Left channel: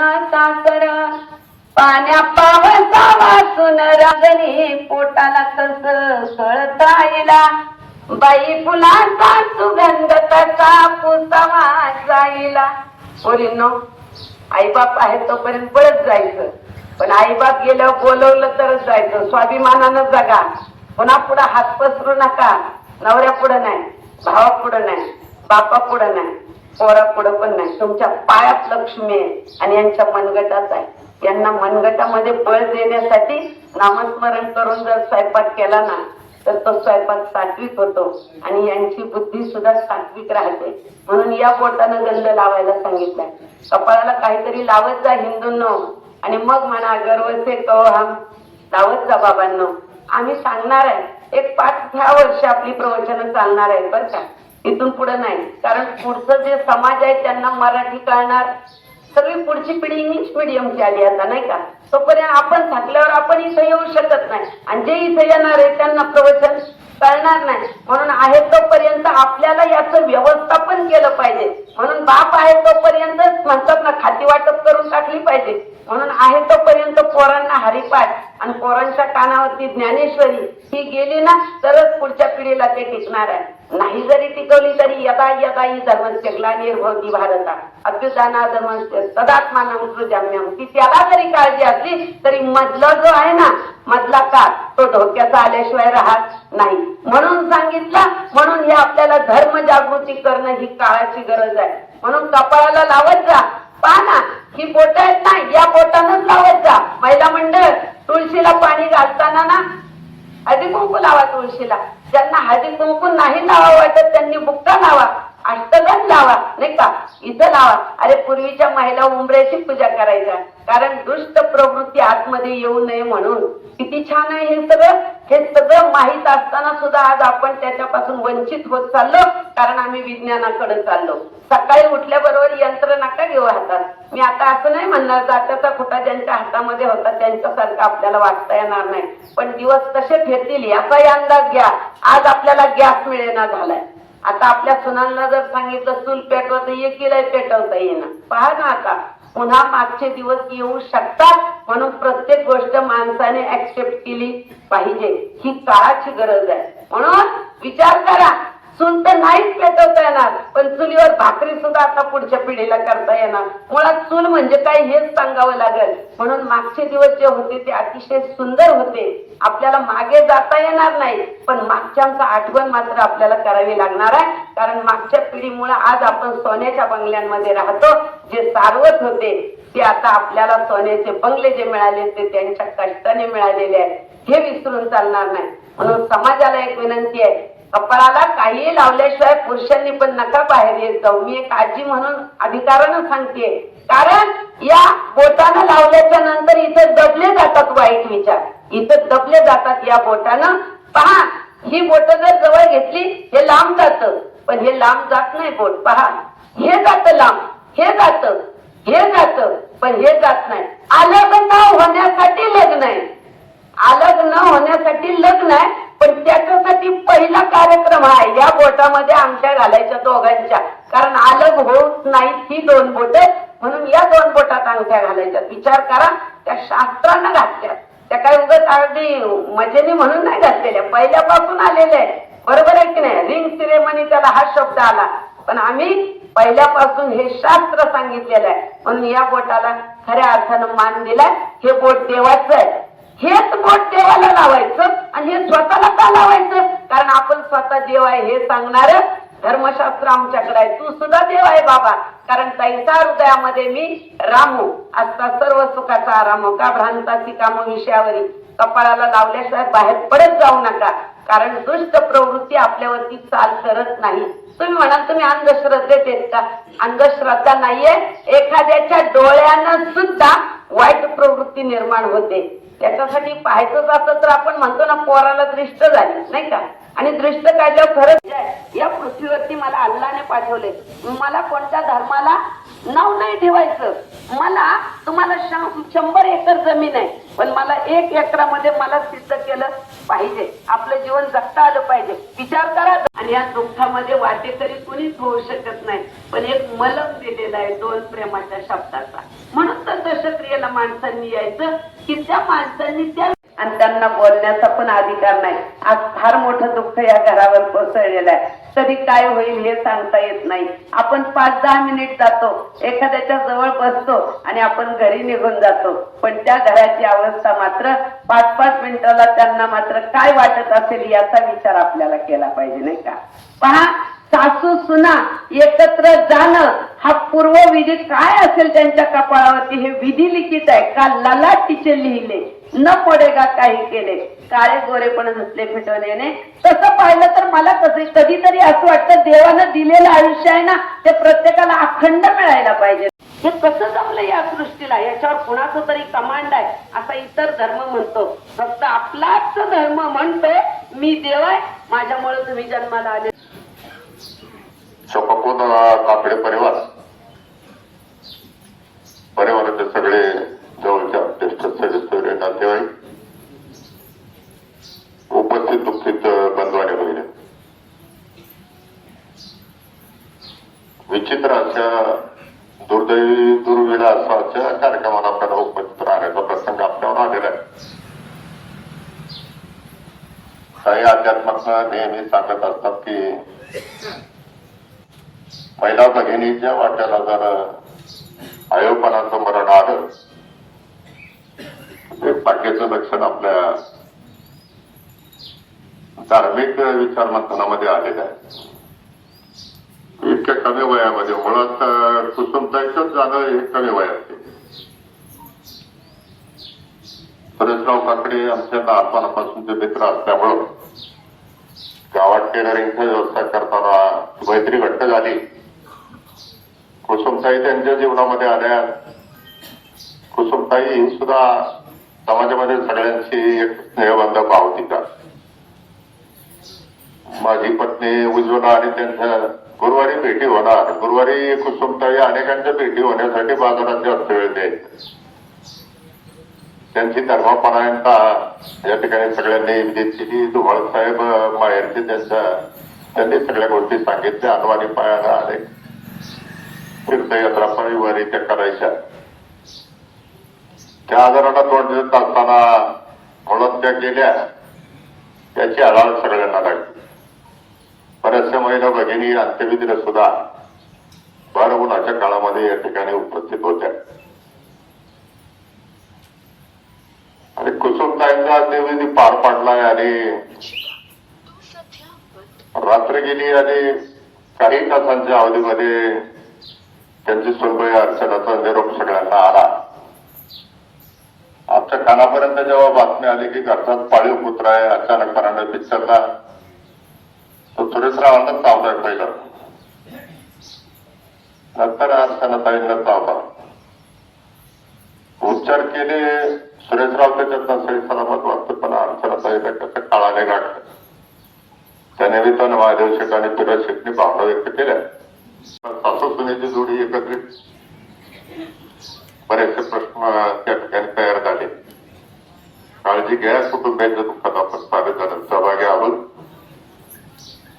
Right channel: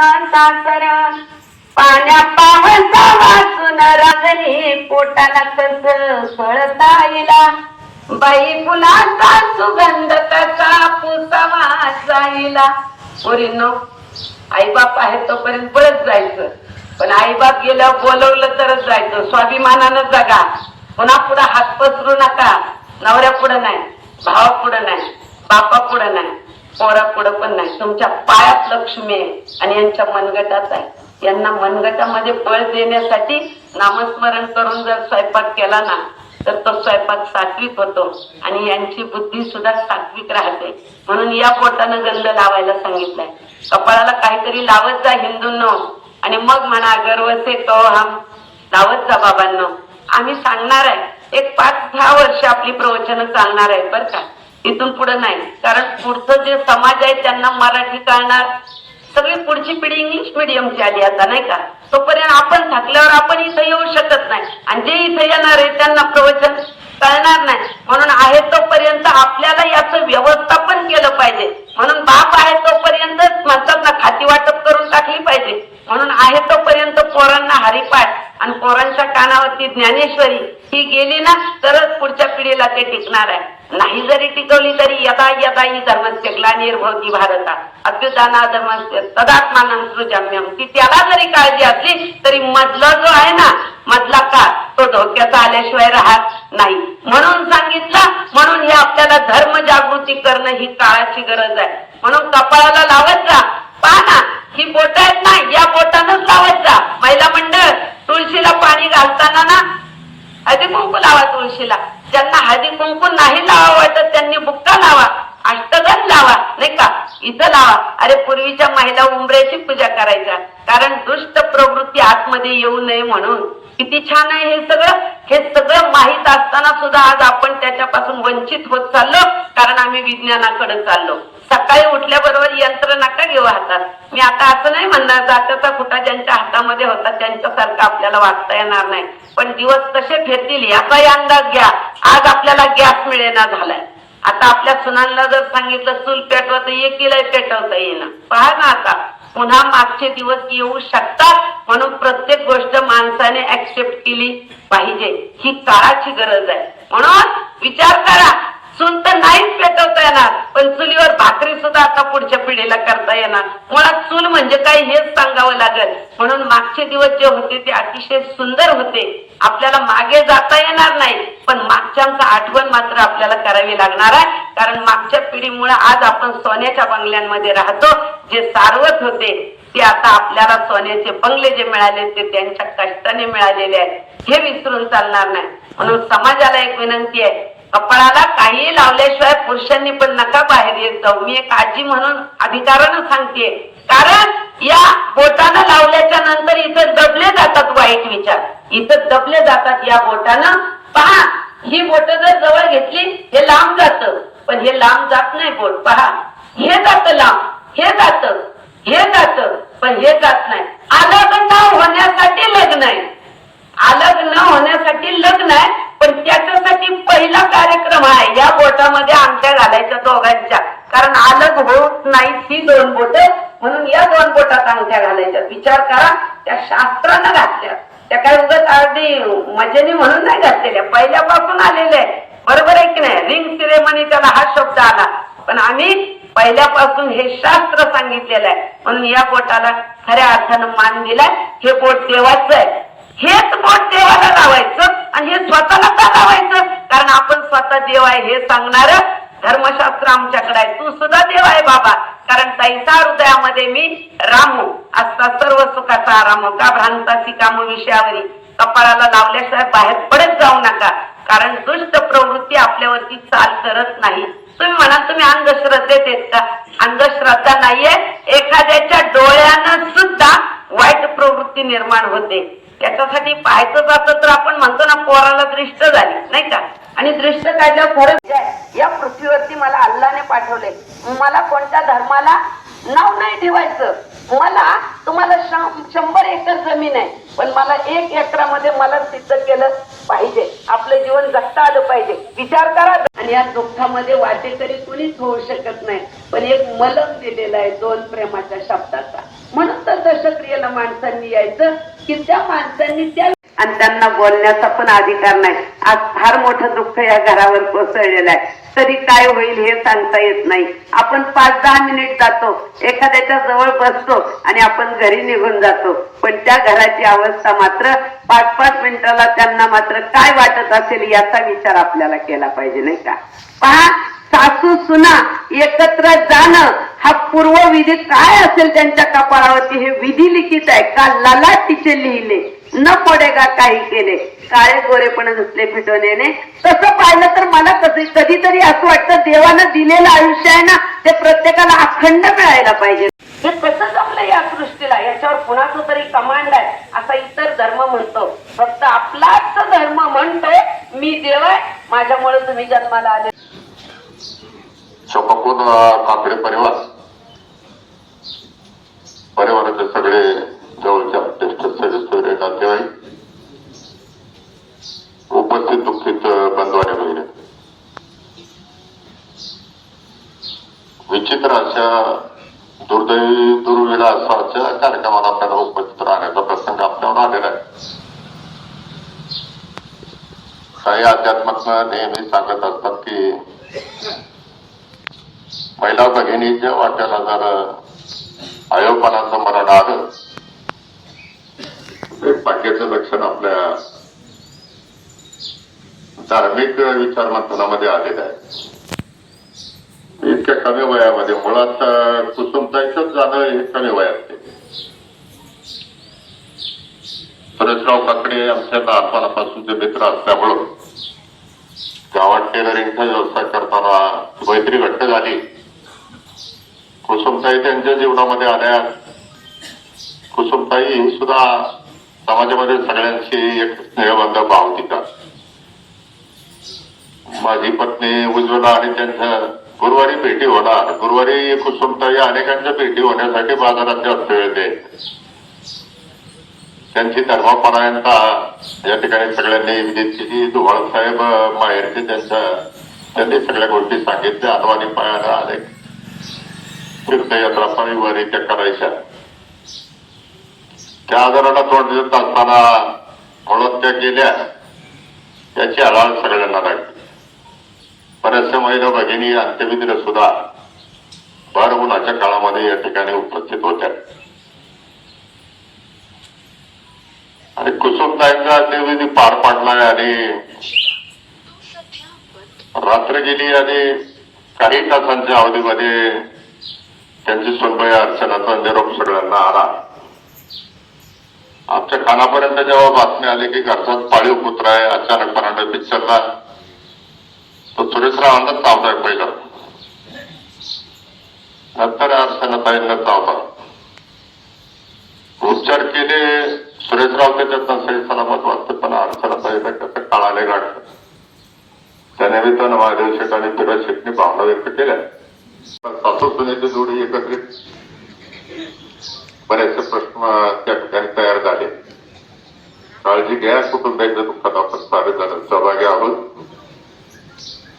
सासर पाण्या पावसा वाचून रागली पोटाला कस कळता येला बाई फुलांचा सुगंध कसा पुसावा जाईला. पोरींनो, आईबाप आहे तोपर्यंत पळत जायचं, पण आईबाप गेल्यावर बोलवलं तरच जायचं. स्वाभिमानानं जगा. पुन्हा पुढे हात पसरू नका. नवऱ्या पुढं नाही, भावा पुढं नाही, बापा पुढं नाही, पोरा पुढं पण नाही. तुमच्या पायात लक्ष्मी आहे आणि यांच्या मनगटात आहे. यांना मनगटामध्ये बळ देण्यासाठी नामस्मरण करून जर स्वयंपाक केला ना तर तो स्वयंपाक सात्विक होतो आणि यांची बुद्धी सुद्धा सात्विक राहते. म्हणून या पोटानं गंध लावायला सांगितलंय. कपाळाला काहीतरी लावत जा हिंदूंनो आणि मग म्हणा गर्व से तो हम. लावत जा बाबांनो. आम्ही सांगणार आहे. एक 5-6 वर्ष आपली प्रवचनं चालणार आहे बरं का. इथून पुढे नाही, कारण पुढचं जे समाज आहे त्यांना मराठी कळणार. सगळी पुढची पिढी इंग्लिश मिडियमची आली आता नाही का. तोपर्यंत आपण थकल्यावर आपण इथं येऊ शकत नाही आणि जे इथं येणार आहे त्यांना प्रवचन कळणार नाही. म्हणून आहे तोपर्यंत आपल्याला याचं व्यवस्थापन केलं पाहिजे. म्हणून बाप आहे तोपर्यंत म्हणतात ना खाती वाटप करून टाकली पाहिजे. म्हणून आहे तोपर्यंत पोरांना हरिपाठ आणि पोरांच्या कानावरती ज्ञानेश्वरी ही गेली ना तरच पुढच्या पिढीला ते टिकणार आहे. नाही जरी टिकवली तरी यदा यदा ही धर्मस्य ग्लानिर्भवति भारता अभ्युदानाधर्मस्य तदात्मानं सृजाम्यहम्. ती त्याला जरी काळजी असली तरी मधला जो आहे ना मधला काळ तो धोक्याचा आल्याशिवाय राहत नाही. म्हणून सांगितलं. म्हणून हे आपल्याला धर्म जागृती करणं ही काळाची गरज आहे. म्हणून कपाळाला लावत जा. पहा ना ही बोट आहेत ना, या बोटानच लावत जा. महिला मंडळ तुळशीला पाणी घालताना ना हळदी कुंकू लावा तुळशीला. ज्यांना हळदी कुंकू नाही लावा वाटत त्यांनी बुक्का लावा, अष्टगंध लावा नाही का, इथं लावा. अरे पूर्वीच्या महिला उंबऱ्याची पूजा करायच्या, कारण दुष्ट प्रवृत्ती आतमध्ये येऊ नये म्हणून. किती छान आहे हे सगळं. हे सगळं माहीत असताना सुद्धा आज आपण त्याच्यापासून वंचित होत चाललो, कारण आम्ही विज्ञानाकडे चाललो. सकाळी उठल्याबरोबर यंत्र नका घेऊ हातात. मी आता असं नाही म्हणणार जात्याचा खुटा ज्यांच्या हातामध्ये होता त्यांच्यासारखं आपल्याला वाचता येणार नाही, पण दिवस कसे फिरतील याचाही अंदाज घ्या. आज आपल्याला गॅस मिळेना झालाय. आता आपल्या सुनांना जर सांगितलं चूल पेटवता येईल पेटवता येईना. पहा ना आता पुन्हा मागचे दिवस येऊ शकतात. म्हणून प्रत्येक गोष्ट माणसाने ऍक्सेप्ट केली पाहिजे. ही काळाची गरज आहे. म्हणून विचार करा. चूल तर नाहीच पेटवता येणार, पण चुलीवर भाकरी सुद्धा आता पुढच्या पिढीला करता येणार. मुळात चूल म्हणजे काय हेच सांगावं लागेल. म्हणून मागचे दिवस जे होते ते अतिशय सुंदर होते. आपल्याला मागे जाता येणार नाही, पण मागच्यांचा आठवण मात्र आपल्याला करावी लागणार आहे. कारण मागच्या पिढीमुळे आज आपण सोन्याच्या बंगल्यांमध्ये राहतो. जे सारवत होते ते आता आपल्याला सोन्याचे बंगले जे मिळाले ते त्यांच्या कष्टाने मिळालेले आहेत. हे विसरून चालणार नाही. म्हणून समाजाला एक विनंती आहे, कपाळाला काही लावल्याशिवाय पुरुषांनी पण नका बाहेर येत जाऊ. मी एक आजी म्हणून अधिकारानं सांगते, कारण या बोटानं लावल्याच्या नंतर इथं दबले जातात वाईट विचार, इथं दबले जातात या बोटानं. पहा ही बोट जर जवळ घेतली हे लांब जात, पण हे लांब जात नाही बोट. पहा हे जात लांब, हे जात, हे जात, पण हे जात नाही. अलग न होण्यासाठी लग्न आहे, अलग न होण्यासाठी लग्न आहे, पण त्याच्यासाठी पहिला कार्यक्रम आहे या बोटामध्ये अंगठ्या घालायच्या दोघांच्या. कारण अलग होत नाही ही 2 बोट, म्हणून या 2 बोटात अंगठ्या घालायच्या. विचार करा, त्या शास्त्रानं घातल्या, त्या काय उगाच अगदी मजेने म्हणून नाही घातलेल्या, पहिल्यापासून आलेल्या आहे. बरोबर आहे की नाही. रिंग सिरेमनी त्याला हा शब्द आला, पण आम्ही पहिल्यापासून हे शास्त्र सांगितलेलं आहे. म्हणून या बोटाला खऱ्या अर्थानं मान दिलाय. हे बोट देवाचं आहे. हेच बोट देवाला लावायचं आणि हे स्वतःला का लावायचं, कारण आपण स्वतः देव आहे हे सांगणार धर्मशास्त्र आमच्याकडे आहे. तू सुद्धा देव आहे बाबा, कारण तैसा हृदयामध्ये मी रामू असता सर्व सुखाचा आराम का भ्रांतासी काम विषयावरी. कपाळाला लावल्याशिवाय बाहेर पडत जाऊ नका, कारण दुष्ट प्रवृत्ती आपल्यावरती चाल करत नाही. तुम्ही म्हणाल तुम्ही अंधश्रद्धेत येत का? अंधश्रद्धा नाहीये. एखाद्याच्या डोळ्यानं सुद्धा वाईट प्रवृत्ती निर्माण होते. त्याच्यासाठी पाहायचं असतं तर आपण म्हणतो ना पोराला दृष्ट झाली नाही का, आणि दृष्ट काढल्यावर खरंच या पृथ्वीवरती मला अल्लाने पाठवले. मला कोणत्या धर्माला नाव नाही ठेवायचं. मला तुम्हाला 100 एकर जमीन आहे, पण मला 1 एकरामध्ये मला सिद्ध केलं पाहिजे. आपलं जीवन जगता आलं पाहिजे. विचार करा. आणि या दुःखामध्ये वाटेकरी कुणीच होऊ शकत नाही, पण एक मलम दिलेला आहे 2 प्रेमाच्या शब्दाचा. म्हणून तर अंत्यक्रियेला माणसांनी यायचं की त्या माणसांनी त्या आणि त्यांना बोलण्याचा पण अधिकार नाही. आज फार मोठं दुःख या घरावर कोसळलेलं आहे. तरी काय होईल हे सांगता येत नाही. आपण 5-10 मिनिट जातो, एखाद्याच्या जवळ बसतो आणि आपण घरी निघून जातो. पण त्या घराची अवस्था मात्र 5-5 मिनिटाला त्यांना मात्र काय वाटत असेल याचा विचार आपल्याला केला पाहिजे, नाही का? पहा, सासू सुना एकत्र जाणं हा पूर्वविधी काय असेल त्यांच्या कपाळावरती हे विधी लिखित आहे का ललाटीचे लिहिले न पडेगा काही केले काळे गोरेपण घुसले फिटवण्याने. तसं पाहिलं तर मला कधीतरी असं वाटतं देवानं दिलेलं आयुष्य आहे ना ते प्रत्येकाला अखंड मिळायला पाहिजे. हे कसं जमलं या सृष्टीला? याच्यावर कुणाचं तरी कमांड आहे असा इतर धर्म म्हणतो. फक्त आपलाच धर्म म्हणतोय मी देव आहे, माझ्यामुळे तुम्ही जन्माला आले. शोकाकुल काकडे परिवाराचे सगळे जवळच्या ज्येष्ठ सदस्य नातेवाईक, उपस्थित दुःखित बंधू आणि भगिनी, विचित्र अशा दुर्दैवी दुर्विलासाच्या कार्यक्रमाला आपल्याला उपस्थित राहण्याचा प्रसंग आपल्यावर आलेला आहे. काही अध्यात्मक नेहमी सांगत असतात की महिला भगिनीच्या वाट्याला जर आयोपणाचं मरण आलं ते भाग्याचं लक्षण आपल्या धार्मिक विचारमंथनामध्ये आलेलं आहे. इतक्या कमी वयामध्ये मुळात कुसुमताईच जाणं हे कमी वयात. सुरेशराव काकडे आमच्या लहानपणापासूनचे मित्र असल्यामुळं गावात टेलरिंगचा व्यवसाय करताना मैत्री घट्ट झाली. कुसुमताई त्यांच्या जीवनामध्ये आल्या. कुसुमताई ही सुद्धा समाजामध्ये सगळ्यांची एक स्नेहबंध भाव तिचा. माझी पत्नी उज्ज्वला आणि त्यांच्या गुरुवारी भेटी होणार. गुरुवारी कुसुमताई अनेकांच्या भेटी होण्यासाठी बाजारात जास्त वेळ द्यायचे. त्यांची धर्मपरायणता या ठिकाणी सगळ्यांनी विदित केली. धुमाळ साहेब माहेरचे त्यांनी सगळ्या गोष्टी सांगितल्या. अनवाणी पायाला अनेक तीर्थयात्रा परिवारी त्या करायच्या. त्या आजाराला तोंड देत असताना म्हणून त्या गेल्या. त्याची हळहळ सगळ्यांना लागली. बऱ्याचशा महिला भगिनी अंत्यविधीला सुद्धा भर उन्हाच्या काळामध्ये या ठिकाणी उपस्थित होत्या. आणि कुसुमताईंचा अंत्यविधी पार पडलाय आणि रात्र गेली आणि काही तासांच्या अवधीमध्ये त्यांची सुनबाई अर्चनाचा निरोप सगळ्यांना आला. आमच्या कानापर्यंत जेव्हा बातमी आली की घरचाच पाळीव कुत्रा आहे अचानकपणाने पिक्चरला, तो सुरेशरावांना चावताय पहिला. नंतर अर्चनाताईंना चावता. उपचार केले. सुरेशराव त्याच्यात सही सलामत वाटतं पण अर्चनाताईला कसं काळाने गाठलं. त्या निमित्तानं महादेव शेठ आणि फिरोज शेठनी भावना व्यक्त केल्या. सासू सुनेची जोडी एकत्रित बरेचसे प्रश्न त्या ठिकाणी तयार झाले. काळजी घ्या, कुटुंबाच्या दुःखात आपण सारे जण सहभागी आहोत.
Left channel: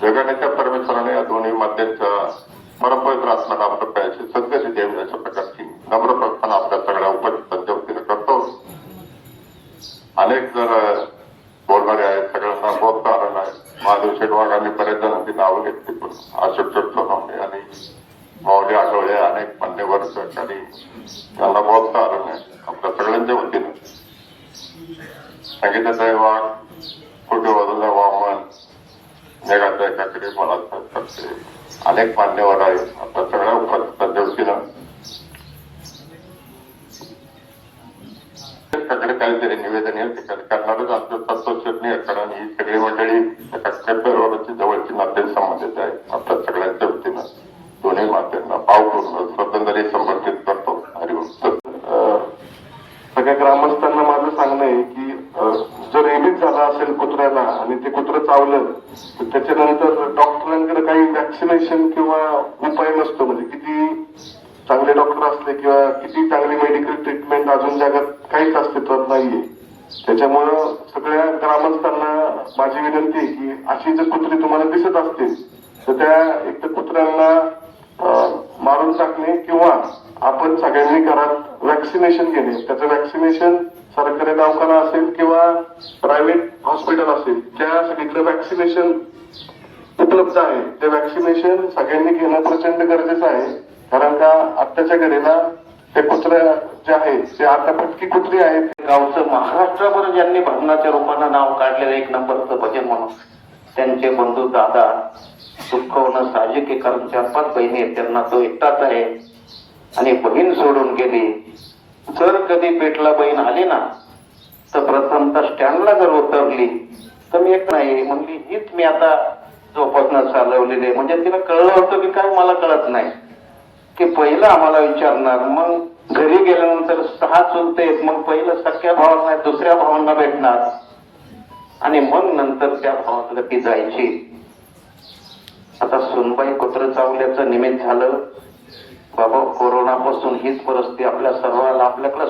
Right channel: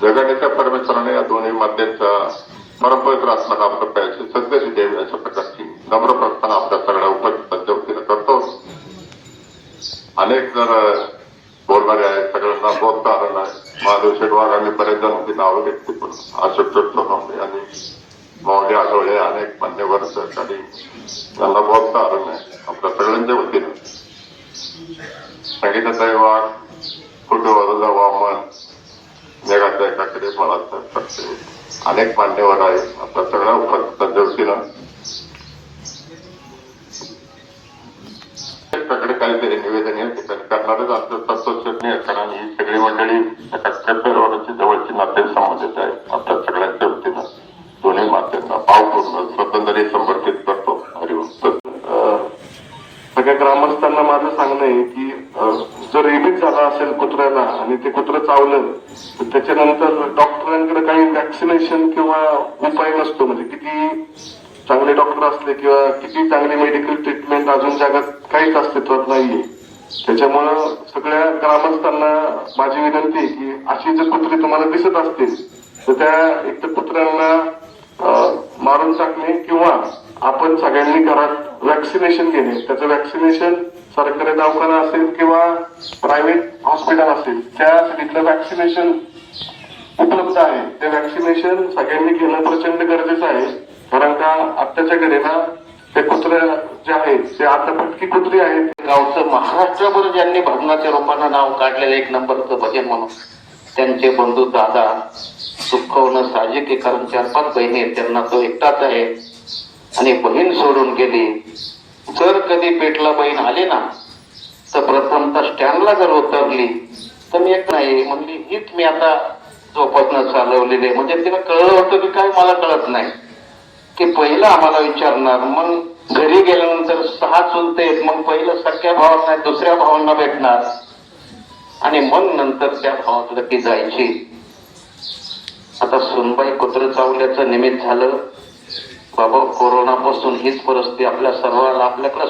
जगण्याच्या परमेश्वराने या दोन्ही मध्यांचा परमपवित्र आत्म्याला आपल्या पायाची सद्गती द्यावी अशा प्रकारची नम्र प्रार्थना आपल्या सगळ्या उपस्थितांच्या वतीनं करतो. अनेक जण बोलणारे आहेत, सगळ्यांना बोलता आलं नाही. महादेव शेटवाडांनी बरेच जणांची नावं घेतली पण अशोक चोट्टोकांबळे आणि माऊली आठवले अनेक मान्यवर सहकारी त्यांना बोलता आलं नाही. आपल्या सगळ्यांच्या वतीनं संगीताताई वाघ, कुटुंबाचा वामन, मेघाताई काकडे, बाळासाहेब काकडे अनेक मान्यवर आहेत. आपल्या सगळ्या उपस्थितांच्या वतीनं कडे काहीतरी निवेदन या ठिकाणी करणारच आमचं तत्वशोधने कारण ही सगळी मंडळी परिवाराची जवळची नाते संबंधित आहे. आपल्या सगळ्यांच्या वतीनं दोन्ही मात्यांना भावपूर्ण स्वतंत्र समर्पित करतो. हरिओम. सगळ्या ग्रामस्थांना माझं सांगणं आहे की जर रेबीज झाला असेल कुत्र्याला आणि ते कुत्रं चावलं तर त्याच्यानंतर डॉक्टरांकडे काही वॅक्सिनेशन किंवा उपाय नसतो. म्हणजे किती चांगले डॉक्टर असले किंवा किती चांगली मेडिकल ट्रीटमेंट अजून जगात काहीच अस्तित्वात नाहीये. त्याच्यामुळं सगळ्या ग्रामस्थांना माझी विनंती आहे की अशी जर कुत्री तुम्हाला दिसत असतील तर त्या एक तर कुत्र्यांना मारून टाकणे किंवा आपण सगळ्यांनी घरात वॅक्सिनेशन घेणे. त्याचं वॅक्सिनेशन सरकारी दवाखाना असेल किंवा प्रायव्हेट हॉस्पिटल असेल त्यासाठीतलं वॅक्सिनेशन उपलब्ध आहे. ते वॅक्सिनेशन सगळ्यांनी घेणं प्रचंड गरजेचं आहे. कारण का आत्ताच्या घडीला ते कुत्र्या जे आहेत ते आता फटकी कुत्री आहेत. गावचं महाराष्ट्रभर ज्यांनी भजनाच्या रूपानं नाव काढलेलं एक नंबरचं भजन म्हणून त्यांचे बंधू दादा दुःखवणं साहजिक आहे. कारण 4-5 बहिणी आहेत, त्यांना तो एकटाच आहे आणि बहीण सोडून गेली. जर कधी पेटला बहीण आली ना तर प्रथमतः स्टँडला जर उतरली तर मी एक नाही म्हणजे हीच मी आता जोपासना चालवलेली आहे. म्हणजे तिला कळलं होतं की काय मला कळत नाही की पहिलं आम्हाला विचारणार, मग घरी गेल्यानंतर 6 चुलते आहेत, मग पहिलं सख्या भावांना दुसऱ्या भावांना भेटणार आणि मग नंतर त्या भावातलं ती जायची. आता सुनबाई कुत्रं चावल्याचं निमित्त झालं बाबा. कोरोनापासून हीच परिस्थिती आपल्या सर्वांना आपल्याकडे